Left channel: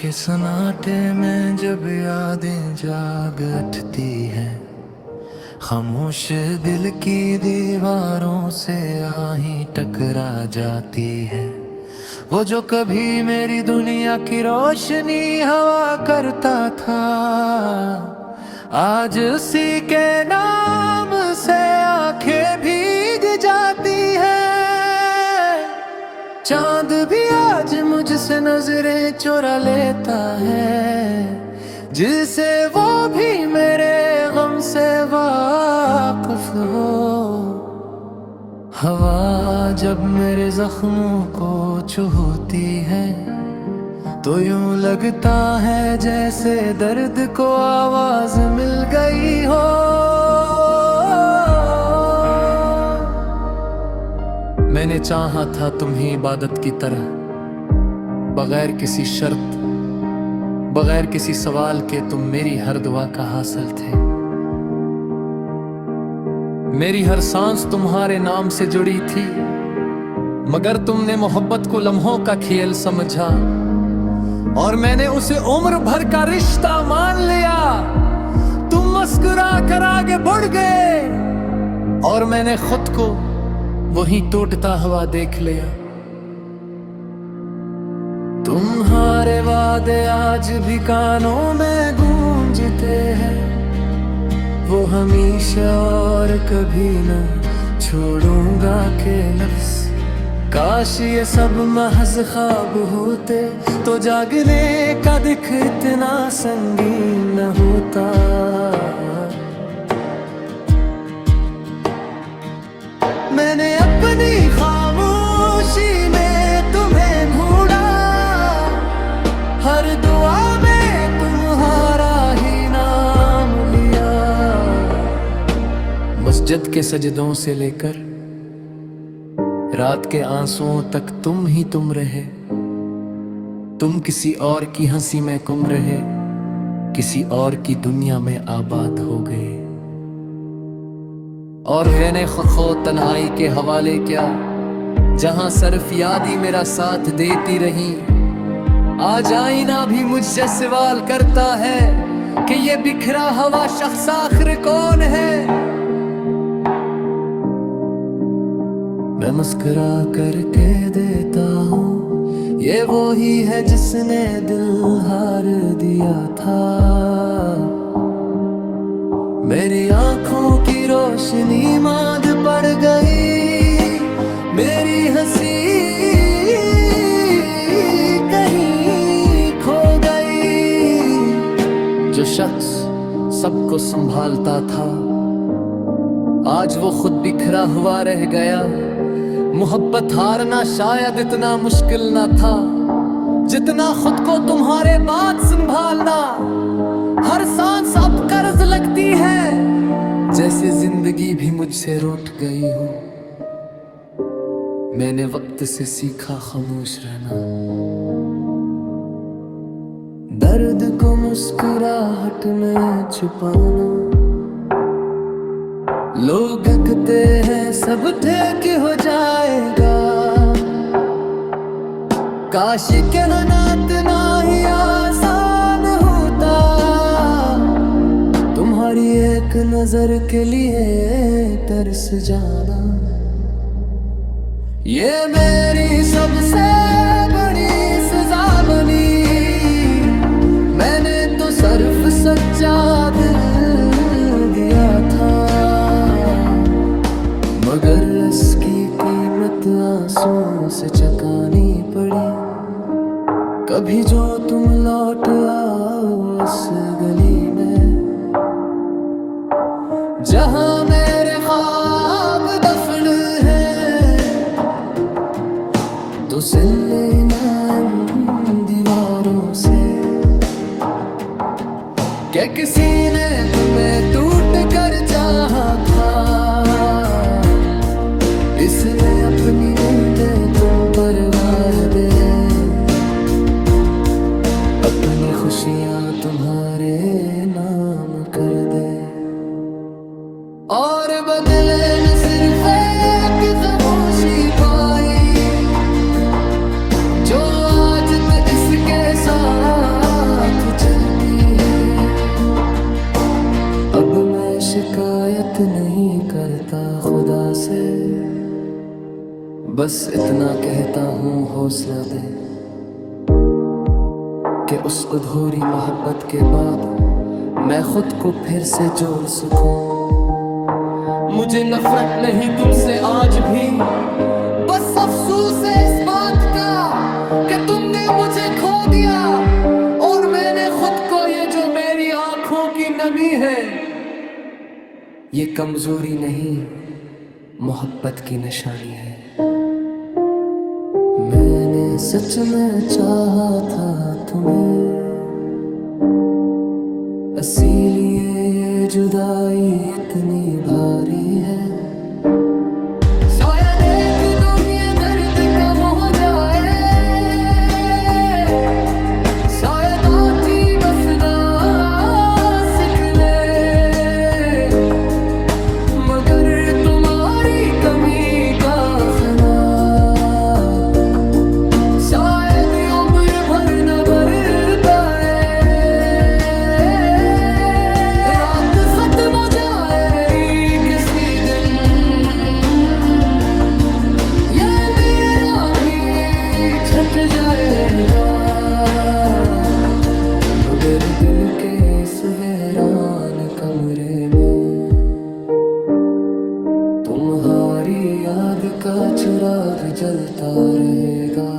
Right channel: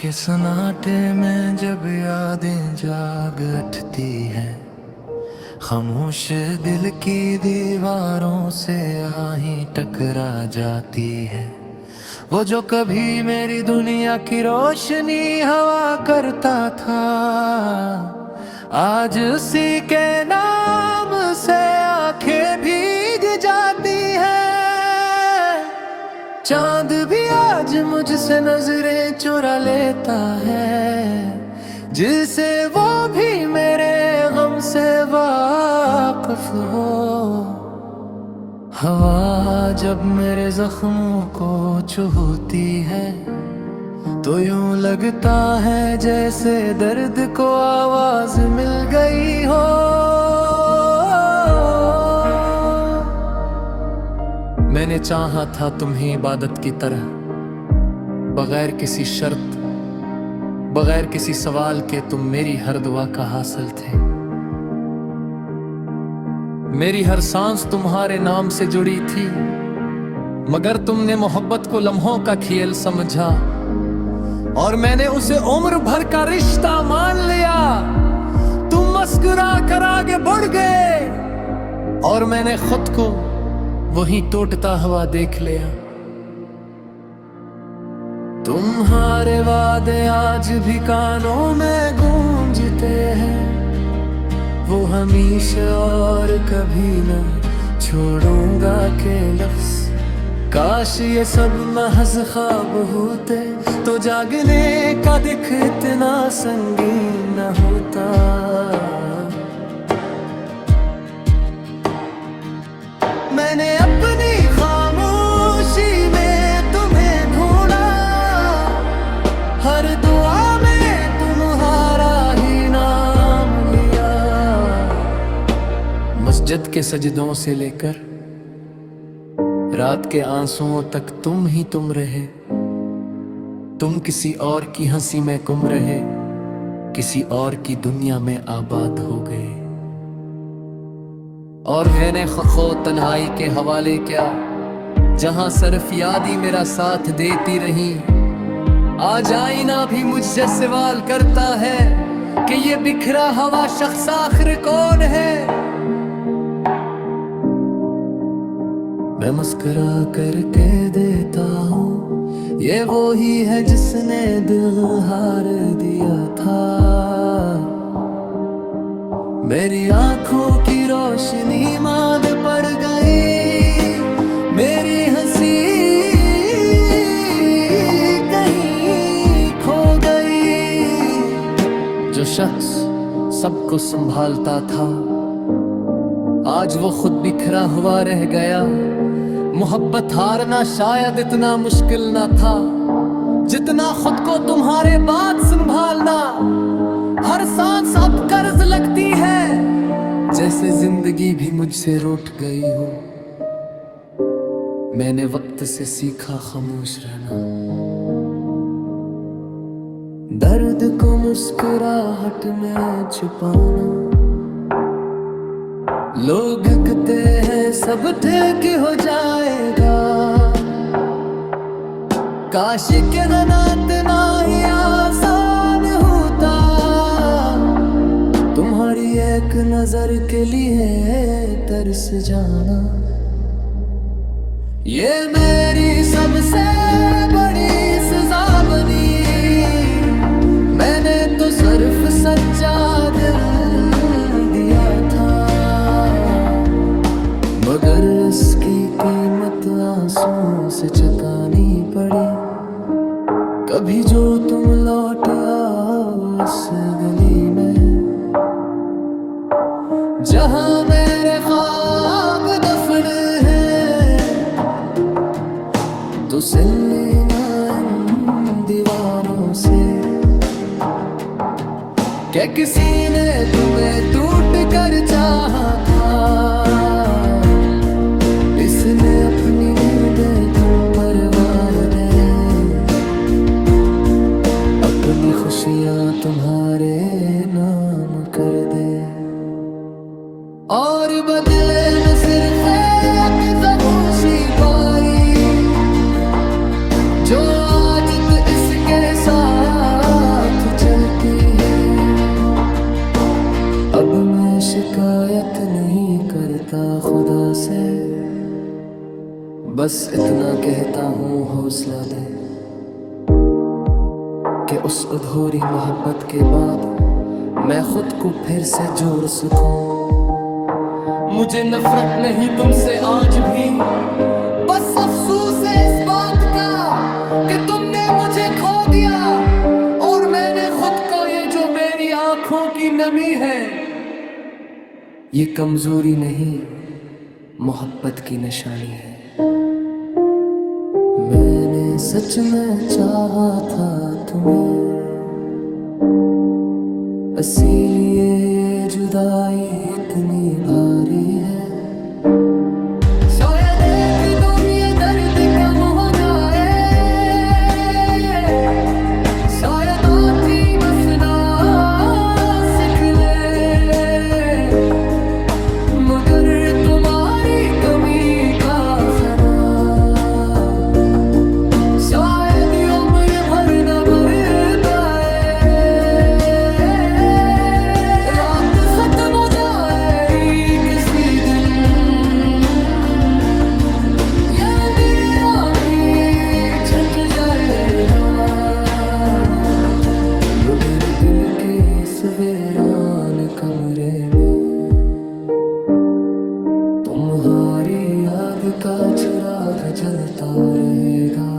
के सन्नाटे में जब यादें जाग उठती हैं, खामोश दिल की दीवारों से आही टकरा जाती है। वो जो कभी मेरी दुनिया की रोशनी हवा करता था, आज उसी के नाम से आंखें भीग जाती है। चांद भी आज मुझसे नजरें चुरा लेता है, जिसे वो भी मेरे गम से वाकिफ हो। हवा जब मेरे जख्मों को छूती है, तो यूं लगता है जैसे दर्द को आवाज मिल गई हो। मैंने चाहा था तुम्हें इबादत की तरह, बगैर किसी शर्त, बगैर किसी सवाल के तुम मेरी हर दुआ का हासिल थे। मेरी हर सांस तुम्हारे नाम से जुड़ी थी, मगर तुमने मोहब्बत को लम्हों का खेल समझा, और मैंने उसे उम्र भर का रिश्ता मान लिया। तुम मुस्कुरा कर आगे बढ़ गए, और मैंने खुद को वहीं टूटता हुआ देख लिया। तुम्हारे वादे आज भी कानों में गूंजते हैं, वो हमेशा और कभी न छोड़ूंगा के लफ्ज़। काश ये सब महज ख्वाब होते, तो जागने का दिख इतना संगीन न होता। मैंने अपनी खामोशी में तुम्हें ढूंढा, हर दुआ में तुम्हारा ही नाम लिया। मस्जिद के सजदों से लेकर रात के आंसुओं तक तुम ही तुम रहे। तुम किसी और की हंसी में गुम रहे, किसी और की दुनिया में आबाद हो गए। और मैंने खो तन्हाई के हवाले क्या, जहां सिर्फ याद ही मेरा साथ देती रही। आज आईना भी मुझसे सवाल करता है कि ये बिखरा हुआ शख्स आखिर कौन है। मैं मुस्कुरा करके देता हूँ, ये वो ही है जिसने दिल हार दिया था। मेरी आंखों की रोशनी मांद पड़ गई, मेरी हंसी कहीं खो गई। जो शख्स सबको संभालता था, आज वो खुद बिखरा हुआ रह गया। मोहब्बत हारना शायद इतना मुश्किल ना था, जितना खुद को तुम्हारे बाद संभालना। हर सांस अब कर्ज लगती है, जैसे जिंदगी भी मुझसे रूठ गई हो। मैंने वक्त से सीखा खामोश रहना, दर्द को मुस्कुराहट में छुपाना। लोग कहते हैं सब ठीक हो जाएगा, काश के नात ना ही आसान होता। तुम्हारी एक नजर के लिए तरस जाना, ये मेरी सबसे बड़ी सजा बनी। मैंने तो सिर्फ सच्चा दिल दिया था, मगर इसकी कीमत आंसू से चुकानी पड़ी। कभी जो तुम लौट आओ उस गली में, जहां मेरे ख्वाब दफन है, तो सुन लेना इन दीवारों से क्या किसी ने तुम्हें टूट कर चाहा था। इसने अपनी नींदें तुम पर वार दे, अपनी खुशियां तुम्हारे नाम कर दे। और बदले में सिर्फ एक खामोशी पाई, जो आज इस जिसके साथ चलती है। अब मैं शिकायत नहीं करता खुदा से, बस इतना कहता हूँ हौसला दे कि उस अधूरी मोहब्बत के बाद मैं खुद को फिर से जोड़ सकूं। मुझे नफरत नहीं तुमसे आज भी, बस अफसोस है इस बात का कि तुमने मुझे खो दिया और मैंने खुद को। ये जो मेरी आंखों की नमी है, ये कमजोरी नहीं, मोहब्बत की निशानी है। मैंने सच में चाहा था तुम्हें, इसीलिए ये जुदाई इतनी भारी है। शायद एक दिन ये दर्द कम हो जाए, शायद आखी बसना सीख ले, मगर तुम्हारी कमी का खरा शायद उम्र भर न भर पाए। रात खत्म हो जाएगी किसी दिन, ये अंधेरा भी छट जाएगा। लो मेरे दिल के इस वीरान कमरे में तुम्हारी याद का चिराग जलता रहेगा।